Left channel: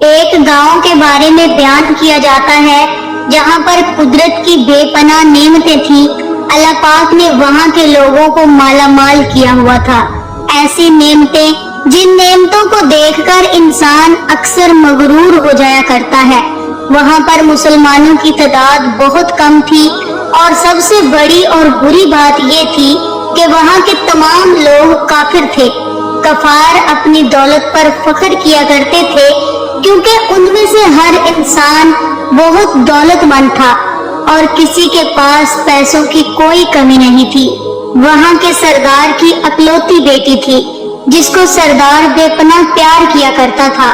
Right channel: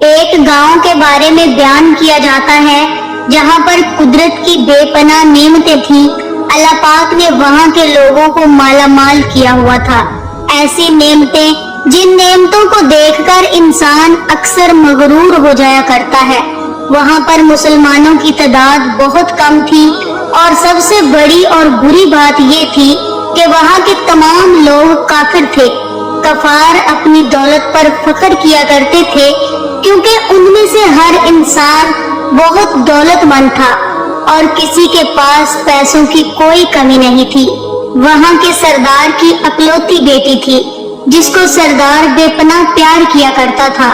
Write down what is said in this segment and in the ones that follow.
ایک گاؤں کے بارے میں بیان کیا جاتا ہے جہاں پر قدرت کی بے پناہ نعمتیں تھیں۔ اللہ پاک نے وہاں کے لوگوں کو مالا مال کیا ہوا تھا۔ ایسی نعمتیں جن نعمتوں کو دیکھ کر انسان اکثر مغرور ہو جایا کرتا ہے۔ وہاں پر مسلمانوں کی تعداد بہت کم تھی، اور سب سے بڑی اور بری بات یہ تھی کہ وہاں کے تمام لوگ کافر تھے۔ کفار اپنی دولت پر فخر کیا کرتے تھے، کیونکہ ان میں سے ہر انسان بہت دولت مند تھا اور کسی کے پاس پیسوں کی کوئی کمی نہیں تھی۔ وہاں کے سردار کی اکلوتی بیٹی تھی جس کو سردار بے پناہ پیار کیا کرتا تھا۔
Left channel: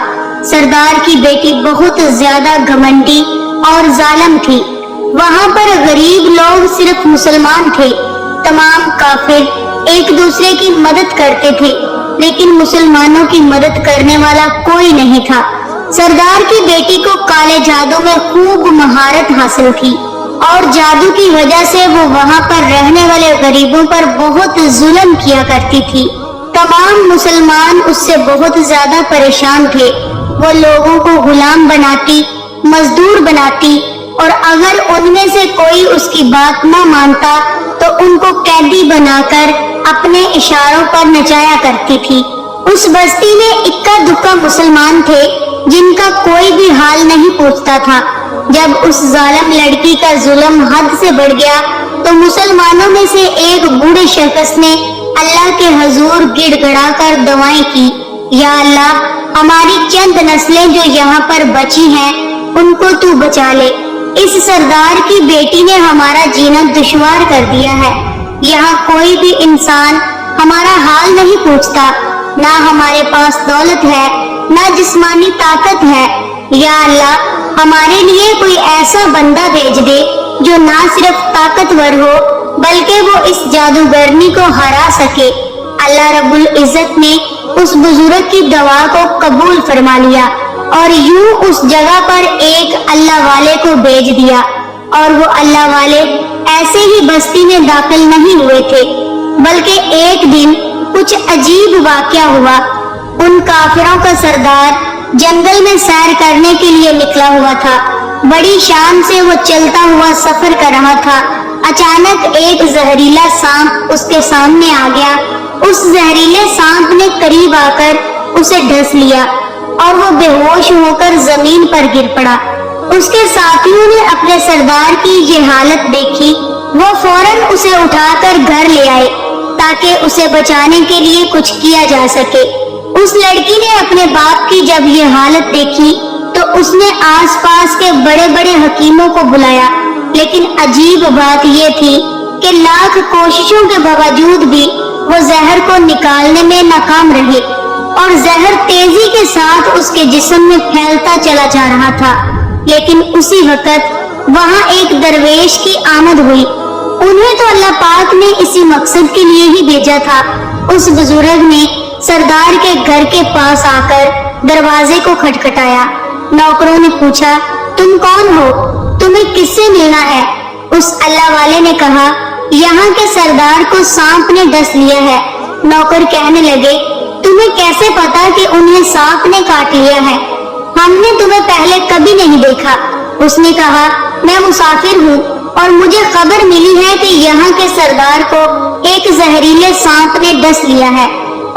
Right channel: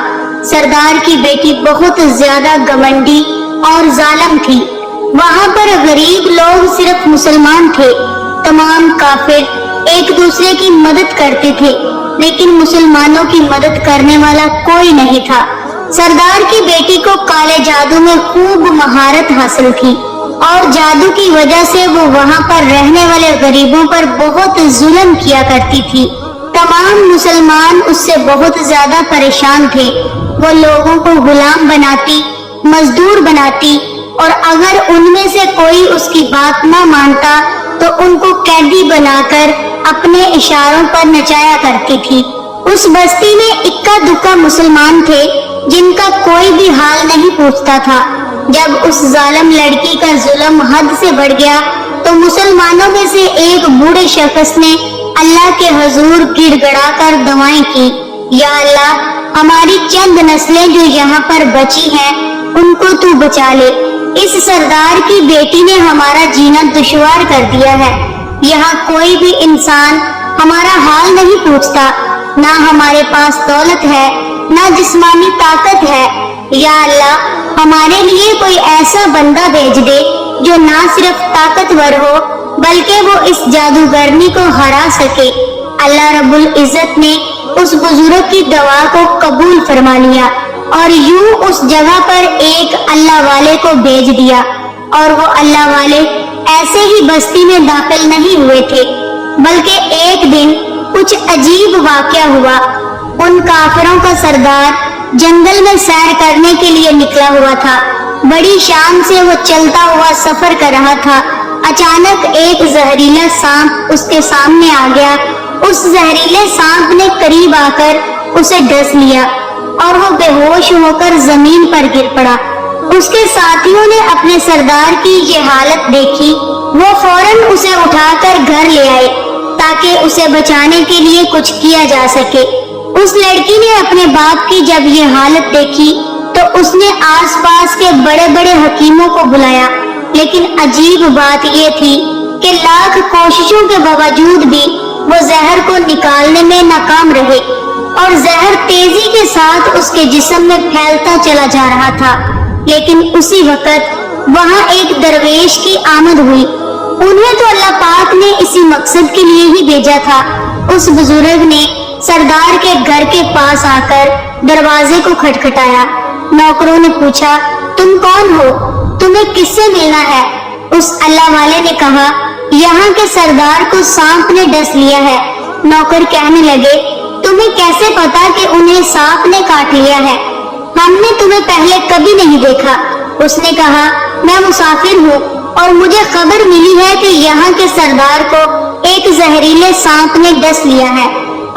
سردار کی بیٹی بہت زیادہ گھمنڈی اور ظالم تھی۔ وہاں پر غریب لوگ صرف مسلمان تھے، تمام کافر ایک دوسرے کی مدد کرتے تھے، لیکن مسلمانوں کی مدد کرنے والا کوئی نہیں تھا۔ سردار کی بیٹی کو کالے جادو میں خوب مہارت حاصل تھی، اور جادو کی وجہ سے وہ وہاں پر رہنے والے غریبوں پر بہت ظلم کیا کرتی تھی۔ تمام مسلمان اس سے بہت زیادہ پریشان تھے۔ وہ لوگوں کو غلام بناتی، مزدور بناتی، اور اگر ان میں سے کوئی اس کی بات نہ مانتا تو ان کو قیدی بنا کر اپنے اشاروں پر نچایا کرتی تھی۔ اس بستی میں اکا دکا مسلمان تھے جن کا کوئی بھی حال نہیں پوچھتا تھا۔ جب اس ظالم لڑکی کا ظلم حد سے بڑھ گیا تو مسلمانوں میں سے ایک بوڑھے شخص نے اللہ کے حضور گڑ گڑا کر دعائیں کی، یا اللہ، ہماری چند نسلیں جو یہاں پر بچی ہیں ان کو تو بچا لے۔ اس سردار کی بیٹی نے ہمارا جینا دشوار کر دیا ہے۔ یہاں کوئی بھی انسان ہمارا حال نہیں پوچھتا، نہ ہمارے پاس دولت ہے، نہ جسمانی طاقت ہے۔ یا اللہ، ہمارے لیے کوئی ایسا بندہ بھیج دے جو نہ صرف طاقتور ہو بلکہ وہ اس جادوگرنی کو ہرا سکے۔ اللہ رب العزت نے اس بزرگ کی دعا کو قبول فرما لیا، اور یوں اس جگہ پر ایک اللہ والے کو بھیج دیا، اور وہ اللہ والے ایسے ہی بستی میں داخل نہیں ہوئے تھے، بلکہ ایک دن کچھ عجیب واقعہ ہوا۔ ان کافروں کا سردار جنگل میں سیر کرنے کے لیے نکلا ہوا تھا۔ بڑی شان سے وہ چلتا ہوا سفر کر رہا تھا۔ اچانک ایک زہریلا سانپ اس کے سامنے آ گیا۔ اس زہریلے سانپ نے قریب آ کر اسے ڈس لیا، اور وہ بے ہوش ہو کر زمین پر گر پڑا۔ اس کے ساتھیوں نے اپنے سردار کی یہ حالت دیکھی۔ وہ فوراً اسے اٹھا کر گھر لے آئے تاکہ اسے بچانے کے لیے کچھ کیا جا سکے۔ اس لڑکی نے اپنے باپ کی جب یہ حالت دیکھی تو اس نے آس پاس کے بڑے بڑے حکیموں کو بلایا، لیکن عجیب بات یہ تھی کہ لاکھ کوششوں کے باوجود بھی وہ زہر کو نکالنے میں ناکام رہے، اور زہر تیزی کے ساتھ اس کے جسم میں پھیلتا چلا جا رہا تھا۔ لیکن اسی وقت وہاں ایک درویش کی آمد ہوئی۔ انہیں تو اللہ پاک نے اسی مقصد کے لیے ہی بھیجا تھا۔ اس بزرگ نے سردار کے گھر کے پاس آ کر دروازے کو کھٹکھٹایا۔ نوکروں نے پوچھا، تم کون ہو؟ تمہیں کس سے ملنا ہے؟ اس اللہ والے نے کہا، یہاں کے سردار کو سانپ نے ڈس لیا ہے۔ نوکر کہنے لگے، تمہیں کیسے پتا کہ انہیں سانپ نے کاٹ لیا ہے؟ ہم نے تمہیں پہلے کبھی نہیں دیکھا۔ اس نے کہا، میں مسافر ہوں اور مجھے خبر ملی ہے کہ یہاں کے سردار کو ایک زہریلے سانپ نے ڈس لیا ہے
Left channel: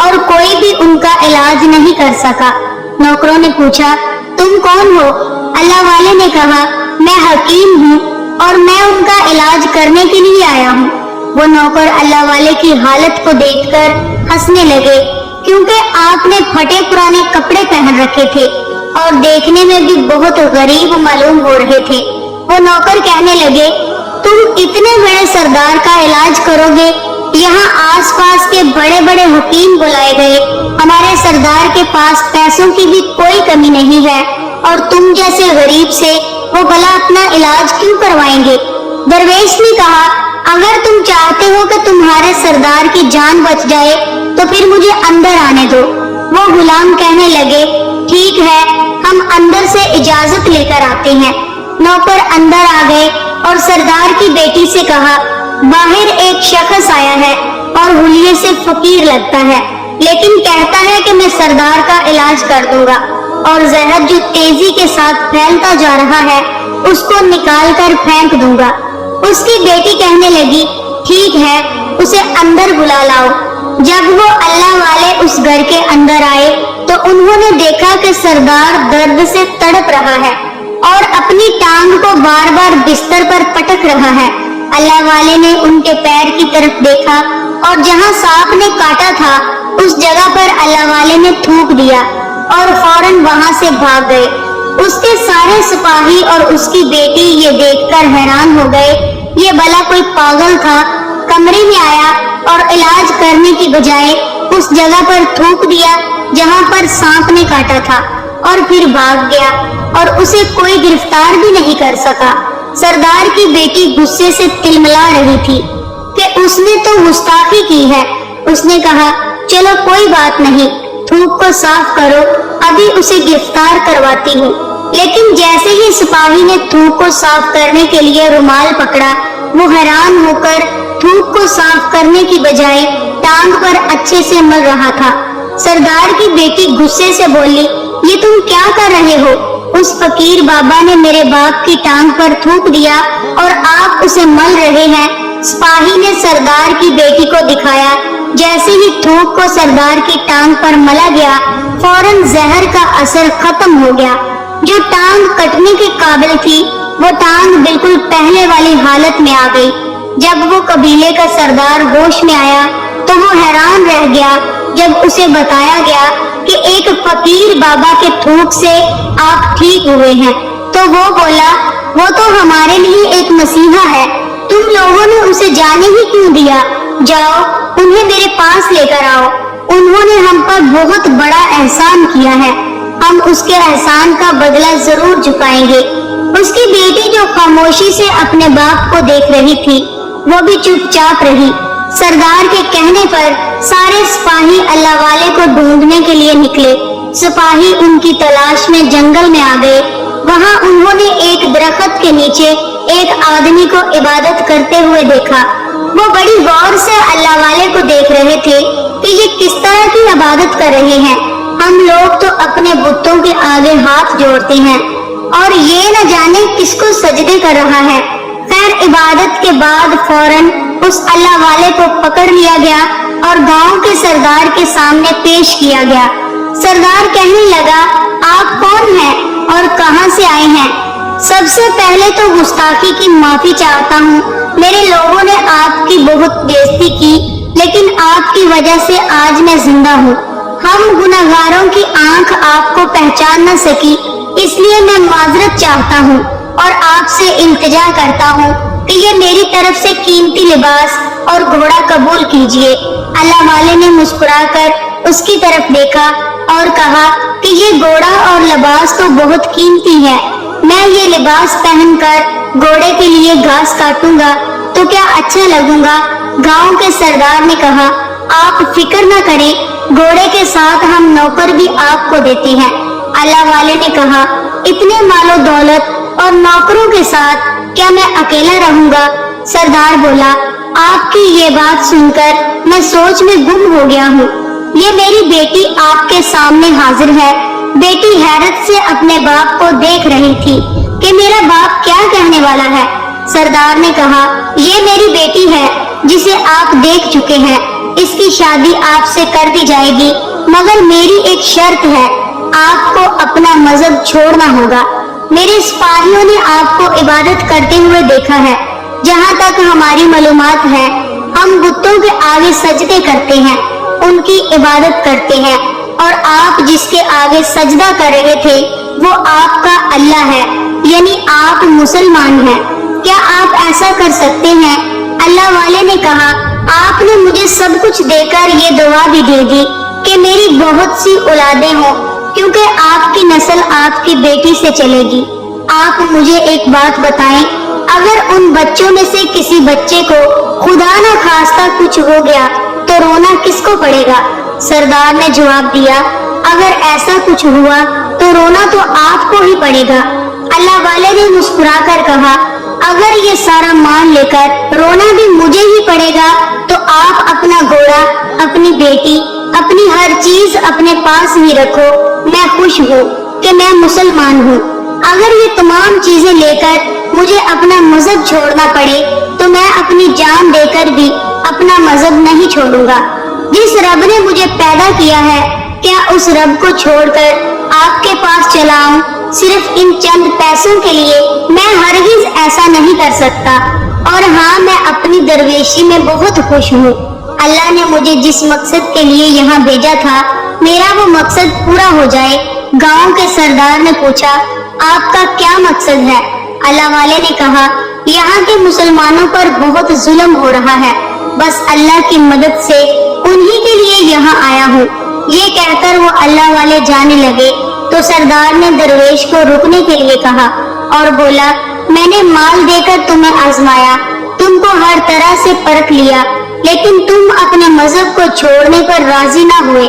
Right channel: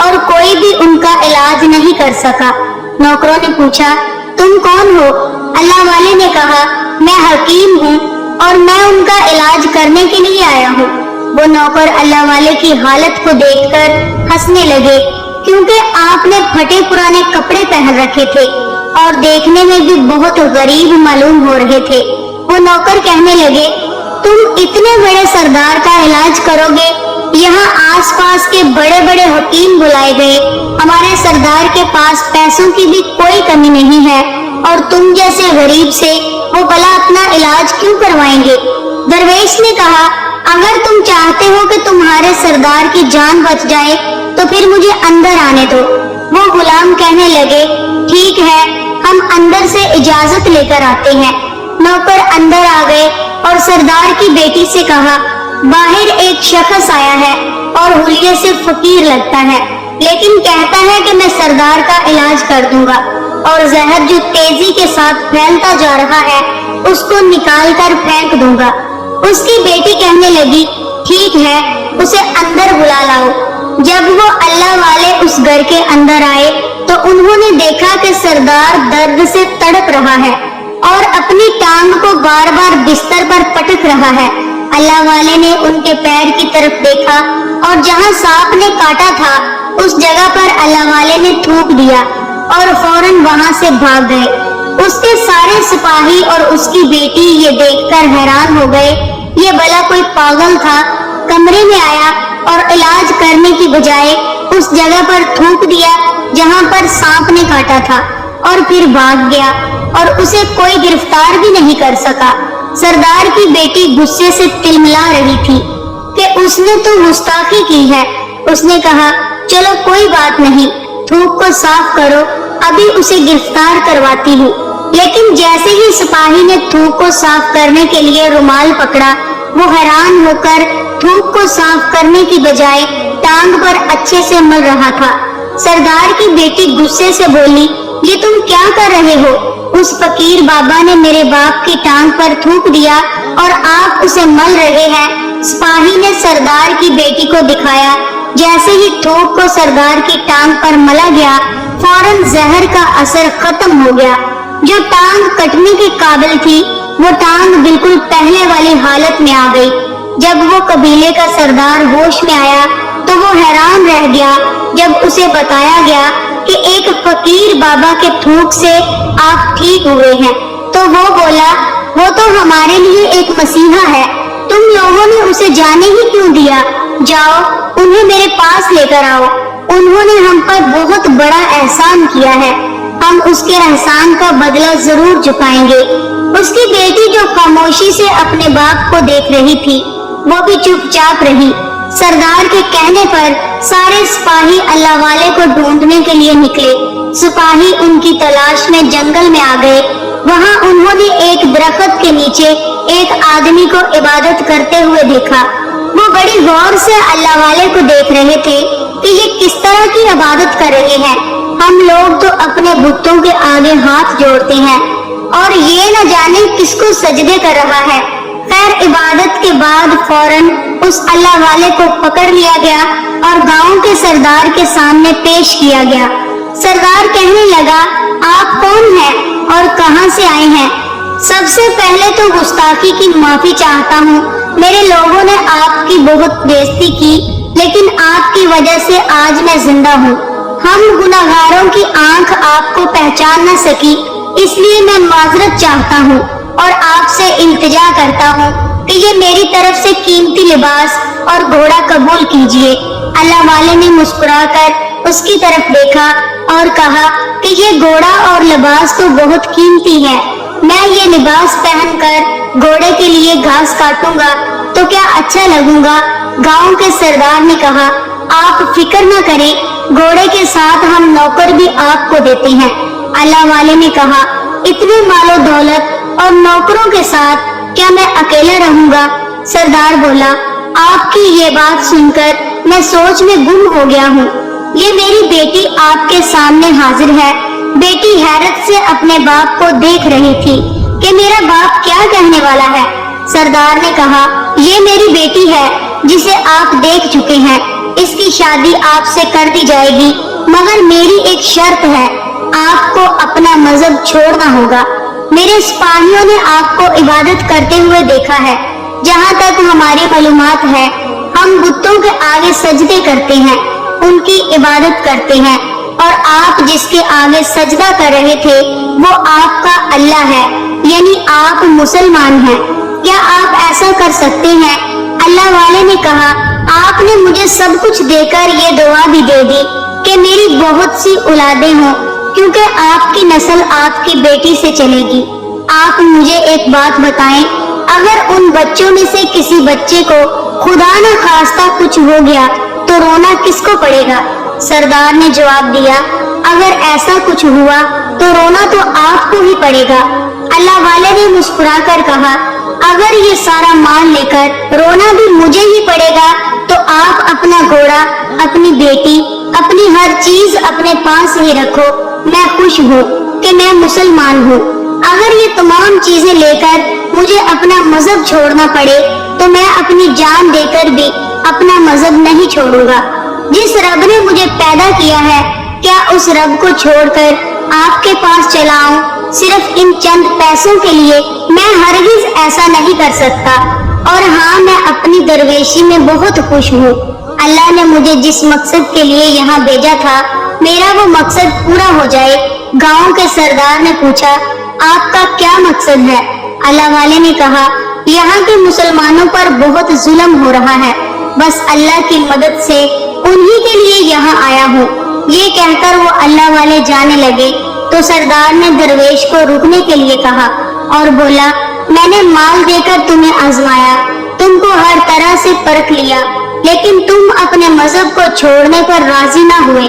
اور کوئی بھی ان کا علاج نہیں کر سکا۔ نوکروں نے پوچھا، تم کون ہو؟ اللہ والے نے کہا، میں حکیم ہوں اور میں ان کا علاج کرنے کے لیے آیا ہوں۔ وہ نوکر اللہ والے کی حالت کو دیکھ کر ہنسنے لگے، کیونکہ آپ نے پھٹے پرانے کپڑے پہن رکھے تھے اور دیکھنے میں بھی بہت غریب معلوم ہو رہے تھے۔ وہ نوکر کہنے لگے، تم اتنے بڑے سردار کا علاج کرو گے؟ یہاں آس پاس کے بڑے بڑے حکیم بلائے گئے، ہمارے سردار کے پاس پیسوں کی بھی کوئی کمی نہیں ہے، اور تم جیسے غریب سے وہ بھلا اپنا علاج کیوں کروائیں گے؟ درویش نے کہا، اگر تم چاہتے ہو کہ تمہارے سردار کی جان بچ جائے تو پھر مجھے اندر آنے دو۔ وہ غلام کہنے لگے، ٹھیک ہے، ہم اندر سے اجازت لے کر آتے ہیں۔ نوکر اندر آ گئے اور سردار کی بیٹی سے کہا، باہر ایک شخص آیا ہے اور حلیے سے فقیر لگتا ہے، لیکن کہتا ہے کہ میں سردار کا علاج کر دوں گا۔ اور زہر جو تیزی کے ساتھ پھیلتا جا رہا ہے اس کو نکال کر پھینک دوں گا۔ اس کی بیٹی کہنے لگی ٹھیک ہے، اسے اندر بلا لاؤ۔ جب وہ اللہ والے اس گھر کے اندر آئے تو انہوں نے دیکھا کہ سردار درد سے تڑپ رہا ہے اور اپنی ٹانگ کو بار بار بستر پر پٹک رہا ہے۔ اللہ والے نے ان کے پیر کی طرف دیکھا اور جہاں سانپ نے کاٹا تھا اس جگہ پر اللہ والے نے تھوک دیا اور فوراً وہاں سے بھاگ گئے۔ اس کے سارے سپاہی اور اس کی بیٹی یہ دیکھ کر حیران ہو گئے، یہ بھلا کوئی پاگل تھا، کمرے میں آیا اور علاج کرنے کی بجائے اس جگہ پر تھوک دیا جہاں پر سانپ نے کاٹا تھا اور پھر بھاگ گیا اور اسے کوئی گرفتار بھی نہیں کر سکا۔ سردار کی بیٹی غصے سے تلملا رہی تھی کہ اس نے تو گستاخی کی ہے۔ اس نے کہا چلو کوئی بات نہیں، تھوک کو صاف کرو، ابھی اسے گرفتار کرواتی ہوں۔ لیکن جیسے ہی سپاہی نے تھوک کو صاف کرنے کے لیے رومال پکڑا، وہ حیران ہو کر تھوک کو صاف کرنے کی بجائے ٹانگ پر اچھے سے مل رہا تھا۔ سردار کی بیٹی غصے سے بولی یہ تم کیا کر رہے ہو؟ اس فقیر بابا نے میرے باپ کی ٹانگ پر تھوک دیا اور آپ اسے مل رہے ہیں۔ سپاہی نے سردار کی بیٹی کو دکھایا، جیسے ہی تھوک کو سردار کی ٹانگ پر ملا گیا فوراً زہر کا اثر ختم ہو گیا۔ جو ٹانگ کٹنے کے قابل تھی وہ ٹانگ بالکل پہلے والی حالت میں آ گئی۔ جب وہ قبیلے کا سردار ہوش میں آیا تو وہ حیران رہ گیا جب اسے بتایا گیا کہ ایک فقیر بابا کے تھوک سے آپ ٹھیک ہوئے ہیں۔ تو وہ بولا وہ تو ہمارے لیے ایک مسیحا ہے، تم لوگوں نے اسے جانے ہی کیوں دیا؟ جاؤ انہیں میرے پاس لے کر آؤ، انہوں نے ہم پر بہت بڑا احسان کیا ہے، ہم اس کے احسان کا بدلہ ضرور چکائیں گے۔ اس کی بیٹی جو خاموشی سے اپنے باپ کو دیکھ رہی تھی وہ بھی چپ چاپ رہی۔ سردار کے کہنے پر سارے سپاہی اللہ والے کو ڈھونڈنے کے لیے نکلے۔ سپاہی ان کی تلاش میں جنگل میں آ گئے۔ وہاں انہوں نے ایک درخت کے نیچے ایک آدمی کو عبادت کرتے ہوئے دیکھا۔ وہ بڑی غور سے اللہ والے کو دیکھ رہے تھے کہ یہ کس طرح کی عبادت کر رہے ہیں۔ ہم لوگ تو اپنے بتوں کے آگے ہاتھ جوڑتے ہیں اور یہ نہ جانے کس کو سجدے کر رہا ہے۔ خیر عبادت کے بعد فوراً اس اللہ والے کو پکڑ لیا گیا اور گاؤں کے سردار کے سامنے پیش کیا گیا۔ سردار کہنے لگا آپ کون ہیں اور کہاں سے آئے ہیں؟ سب سے پہلے تو گستاخی کی معافی چاہتا ہوں، میرے لوگوں نے آپ کی بہت بےعزتی کی، لیکن آپ کی وجہ سے آج میں زندہ ہوں۔ ہم گناہگاروں کی آنکھ آپ کو پہچان نہ سکی، اس لیے میں معذرت چاہتا ہوں اور آپ سے التجا کرتا ہوں کہ یہ میری طرف سے قیمتی لباس اور گھوڑا قبول کیجیے۔ اللہ والے نے مسکرا کر اس کی طرف دیکھا اور کہا کہ یہ گھوڑا اور لباس تو بہت قیمتی ہے، میں یہ لباس پہن کر گھوڑے کے لیے گھاس کاٹوں گا تو کیا اچھا لگوں گا؟ گاؤں کے سردار نے کہا آپ فکر نہ کریں، گھوڑے کے ساتھ ہم نوکر بھی آپ کو دیتے ہیں۔ اللہ والے نے کہا اتنے مال و دولت اور نوکروں کے ساتھ کیا میں اکیلا رہوں گا؟ سردار بولا آپ کی یہ بات سن کر میں سوچ میں گم ہو گیا ہوں، یہ میری بیٹی آپ کے سامنے حاضر ہے۔ بیٹی حیرت سے اپنے باپ کو دیکھ رہی تھی کہ میرا باپ کیا کہنے والا ہے۔ سردار نے کہا یہ میری بیٹی ہے جسے آپ دیکھ چکے ہیں، اس کی شادی آپ سے کر دی جائے گی، مگر میری ایک شرط ہے، آپ کو اپنا مذہب چھوڑنا ہوگا۔ میرے سپاہیوں نے آپ کو عبادت کرتے ہوئے دیکھا ہے، جہاں تک ہماری معلومات ہے ہم بتوں کے آگے سجدے کرتے ہیں، ان کی عبادت کرتے ہیں، اور آپ جس کے آگے سجدہ کر رہے تھے وہ آپ کا اللہ ہے، یعنی آپ مسلمان ہیں، کیا آپ ایسا کر سکتے ہیں؟ اللہ والے نے کہا آپ نے مجھے سب کچھ دے کر یہ دعا بھی دے دی کہ میری بہت سی اولادیں ہوں، کیونکہ آپ کی نسل آپ کی بیٹی سے چلے گی۔ آپ مجھے ایک بات بتائیں، اگر ان بچوں میں سے کسی بچے کو خدا نہ خواستہ کچھ ہو گیا تو رونا کس کو پڑے گا؟ سردار نے جواب دیا اگر ایسا کچھ ہوا تو رونا تو آپ کو ہی پڑے گا۔ اللہ والے نے مسکرا کر کہا اگر یہ سارا مان لے کر رونا بھی مجھے ہی پڑے گا تو آپ اپنا گھوڑا، اپنی بیٹی، اپنی ہر چیز اپنے پاس ہی رکھو، میں خوش ہوں، کہ میں مسلمان ہوں۔ اگر یہ تمام چیزیں لے کر مجھے اپنا مذہب چھوڑنا پڑے تو میں اپنی جان دے کر بھی اپنا مذہب نہیں چھوڑوں گا۔ جس رب نے مجھے پیدا کیا ہے، کیا اس رب کو چھوڑ کر آپ کے پاس چلا آؤں صرف ان چند پیسوں کے لیے؟ میں ہرگز ایسا نہیں کر سکتا، اور ہاں، میں اپنی درویشی میں بہت خوش ہوں۔ اللہ نے مجھے جس مقصد کے لیے یہاں بھیجا تھا، میرا وہ مقصد پورا ہو جائے۔ گاؤں کے سردار نے پوچھا، آپ کا کیا مقصد ہے؟ اللہ والے نے کہا، یہاں کے مسلمانوں پر بہت ظلم ہو رہا ہے، بس اللہ کی مدد سے انہی کے لیے یہاں آیا ہوں۔ یہ کہہ کر وہ اللہ والے جانے لگے تو سردار نے درویش کو رکنے کے لیے کہا اور بولا، میں نے مال دے کر تمہیں آزمایا، تم کو ہر طرح سے پرکھ لیا، لیکن تم اپنے مذہب کو چھوڑنے پر راضی نہ ہوئے۔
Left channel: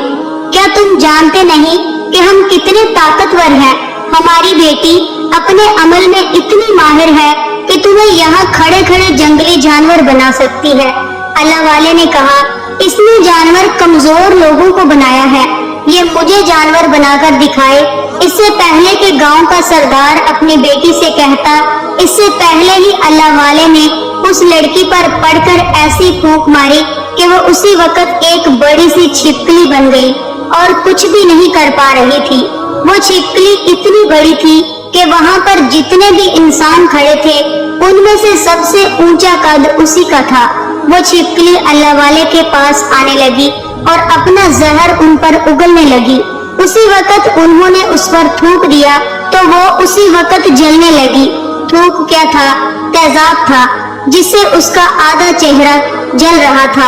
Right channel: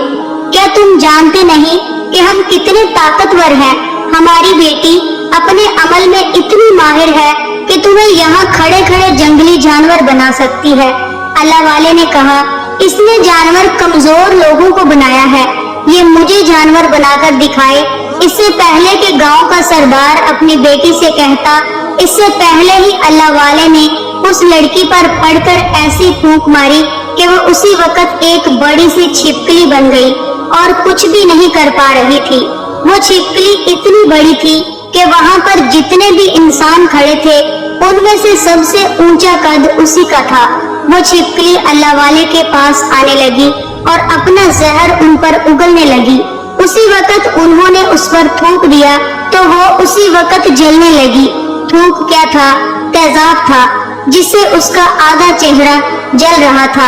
کیا تم جانتے نہیں کہ ہم کتنے طاقتور ہیں؟ ہماری بیٹی اپنے عمل میں اتنی ماہر ہے کہ تمہیں یہاں کھڑے کھڑے جنگلی جانور بنا سکتی ہے۔ اللہ والے نے کہا، اس نے جانور کمزور لوگوں کو بنایا ہے، یہ مجھے جانور بنا کر دکھائے۔ اس سے پہلے کہ گاؤں کا سردار اپنی بیٹی سے کہتا، اس سے پہلے ہی اللہ والے نے اس لڑکی پر پڑھ کر ایسی پھونک ماری کہ وہ اسی وقت ایک بڑی سی چھپکلی بن گئی اور کچھ بھی نہیں کر پا رہی تھی۔ وہ چھپکلی اتنی بڑی تھی کہ وہاں پر جتنے بھی انسان کھڑے تھے ان میں سے سب سے اونچا قد اسی کا تھا۔ وہ چھپکلی اللہ والے کے پاس آنے لگی اور اپنا زہر ان پر اگلنے لگی۔ اسی وقت انہوں نے اس پر تھوک دیا تو وہ اسی وقت جلنے لگی۔ تھوک کیا تھا؟ تیزاب تھا، جس سے اس کا آدھا چہرہ جل رہا تھا۔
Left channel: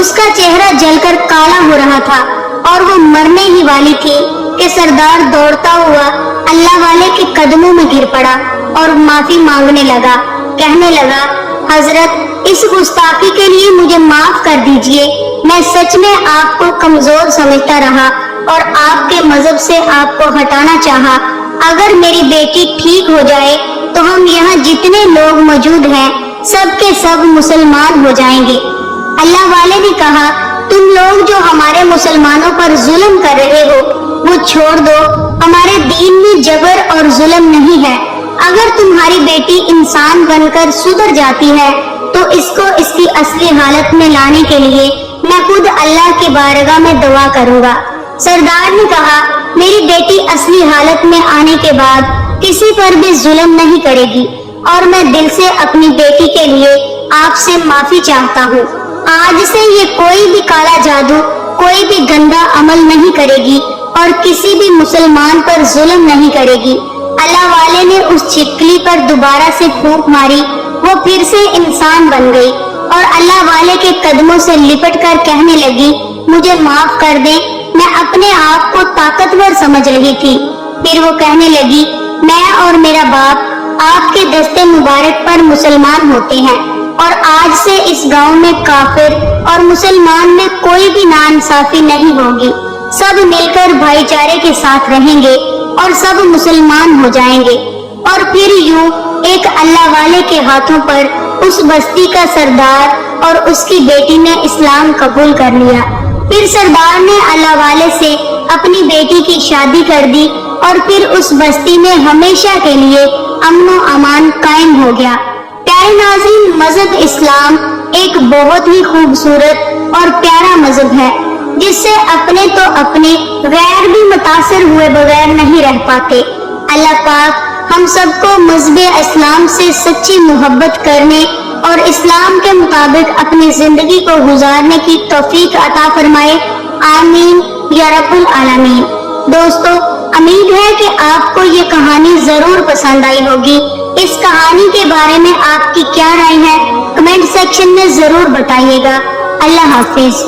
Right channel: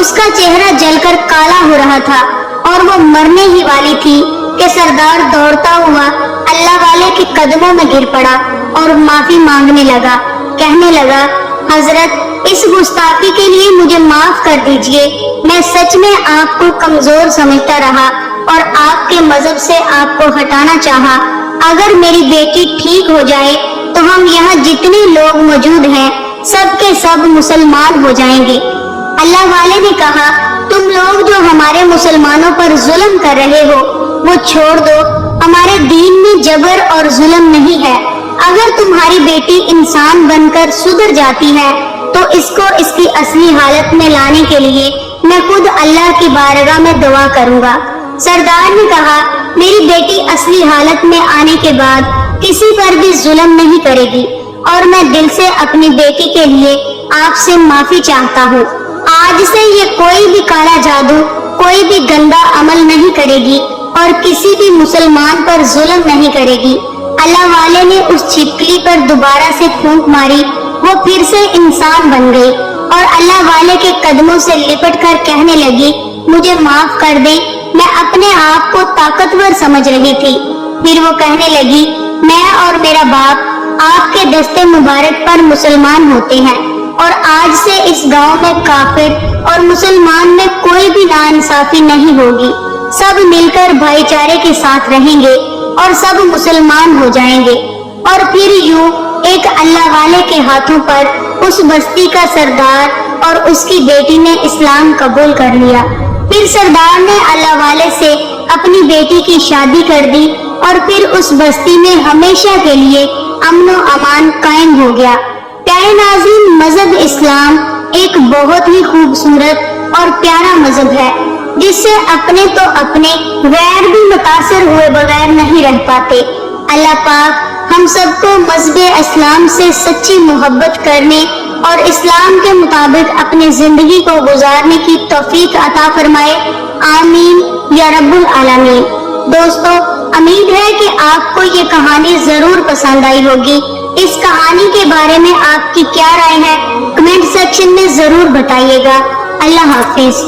اس کا چہرہ جل کر کالا ہو رہا تھا اور وہ مرنے ہی والی تھی کہ سردار دوڑتا ہوا اللہ والے کے قدموں میں گر پڑا اور معافی مانگنے لگا، کہنے لگا، حضرت، اس گستاخی کے لیے مجھے معاف کر دیجئے۔ میں سچ میں آپ کو کمزور سمجھتا رہا اور آپ کے مذہب سے آپ کو ہٹانا چاہا۔ اگر میری بیٹی ٹھیک ہو جائے تو ہم یہاں جتنے لوگ موجود ہیں سب کے سب مسلمان ہو جائیں گے۔ اللہ والے نے کہا، تم لوگ جو ہمارے مسلمانوں پر ظلم کر رہے ہو وہ چھوڑ دو، ہمارے دین میں جبر اور ظلم نہیں ہے۔ اگر تمہاری بیٹی انسان بن کر سدھر جاتی ہے تو اس کو اس کی اصلی حالت میں لانے کے لیے میں خود اللہ کی بارگاہ میں دعا کروں گا۔ سردار نے کہا، میری بیٹی اصلی حالت میں آنے کے بعد کسی پر بھی ظلم نہیں کرے گی، اور میں دل سے اپنی بیٹی کے لیے آپ سے معافی چاہتا ہوں۔ آج سے یہ کوئی بھی کالا جادو، کوئی بھی گندا عمل نہیں کرے گی اور کسی بھی مسلمان پر ظلم نہیں کرے گی۔ اللہ والے نے اس چھپکلی پر دوبارہ سے پھونک ماری، وہ پھر سے انسان بن گئی اور اللہ والے کے قدموں سے لپٹ کر کہنے لگی، مجھے معاف کر دیں، میں اپنے آپ کو طاقتور سمجھ رہی تھی۔ پھر وہ کہنے لگی، میں اور میرا باپ آپ کے دستے مبارک پر مسلمان ہوتے ہیں، اور آج سے اس گاؤں میں کافر اور مسلمان میں کوئی بھی ناانصافی نہیں ہوگی۔ سب مل کر بھائی چارے کے ساتھ رہیں گے اور سب مسلمان ہو جائیں گے۔ اور پھر یوں ایک اللہ والے کے ہاتھوں پر اس بستی کا سردار اور اس کی بیٹی نے اسلام قبول کر لیا۔ پھر سردار نے اللہ والے سے اپنی بیٹی کی شادی کر دی اور پھر اس بستی میں ہمیشہ کے لیے امن و امان قائم ہو گیا۔ پیارے ناظرین، مذہب اسلام ایک بہت ہی خوبصورت اور پیارا مذہب ہے جس سے اپنے تو اپنے غیر بھی متاثر ہوئے بغیر نہیں رہ پاتے۔ اللہ پاک ہم سب کو مذہب اسلام سے سچی محبت کرنے اور اسلام کے مطابق اپنی زندگی کو گزارنے کی توفیق عطا فرمائے، آمین یا رب العالمین۔ دوستو، امید ہے کہ آپ کو یہ کہانی ضرور پسند آئی ہوگی۔ اس کہانی کے بارے میں آپ کی کیا رائے ہے؟ کمنٹ سیکشن میں ضرور بتائیے گا۔ اللہ حافظ۔